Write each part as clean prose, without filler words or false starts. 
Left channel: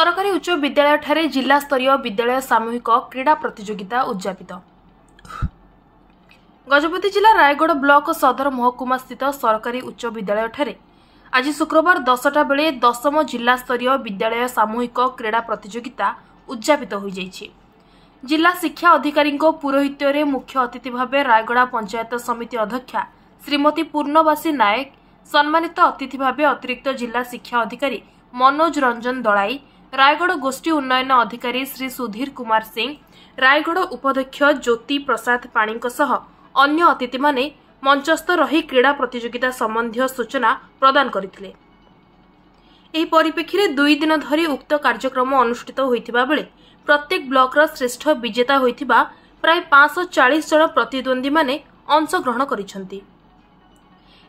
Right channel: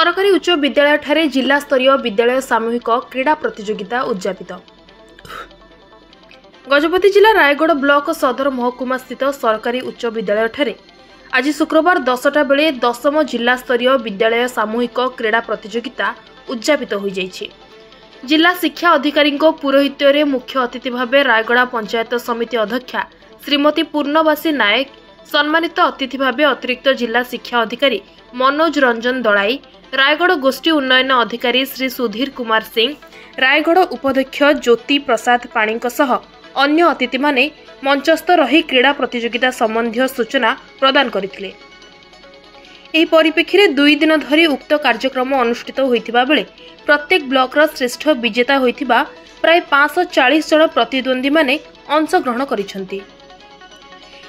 सरकारी उच्च विद्यालय ठारे जिला स्तरीय विद्यालय सामूहिक क्रीड़ा प्रतियोगिता उद्यापित। गजपति जिला रायगढ़ ब्लॉक सदर महकुमा स्थित सरकारी उच्च विद्यालय ठारे आज शुक्रवार 10टा बेले 10म जिला स्तरीय विद्यालय सामूहिक क्रीड़ा प्रतियोगिता उद्यापित हो जाइछि। जिला शिक्षा अधिकारी पुरोहित्य रे मुख्य अतिथि भावे रायगढ़ पंचायत समिति अध्यक्षा श्रीमती पूर्णवासी नायक, सम्मानित अतिथि भावे अतिरिक्त जिला शिक्षा अधिकारी मनोज रंजन दलाई, रायगढ़ गोष्ठी उन्नयन अधिकारी श्री सुधीर कुमार सिंह, रायगढ़ उपाध्यक्ष ज्योति प्रसाद पाणी सह अन्य अतिथि माने मंचस्थ रही क्रीड़ा प्रतियोगिता संबंधी सूचना प्रदान करथिले। एही परिप्रेक्षी 2 दिन धरी उक्त कार्यक्रम अनुष्ठित होइथिबा बेले प्रत्येक ब्लॉकर श्रेष्ठ विजेता होइथिबा प्राय 540 जन प्रतिद्वंदी माने अंश ग्रहण करिसंती।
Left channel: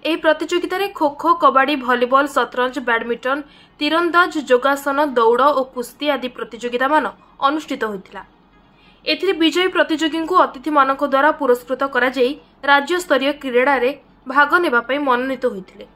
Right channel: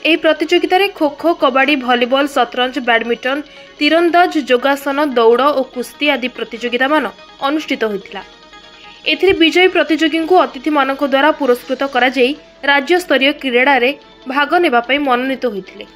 एही प्रतियोगिता रे खो खो, कबाड़ी, भलीबॉल, शतरंज, बैडमिंटन, तीरंदाज, योगासन, दौड़ और कुस्ती आदि प्रतियोगिता मान अनुष्ठित होइथिला। एथिरे विजयी प्रतियोगी को अतिथि मानक द्वारा पुरस्कृत करा जाई राज्य स्तरीय क्रीड़ा रे भाग नेबा पई मनोनीत होइथिले।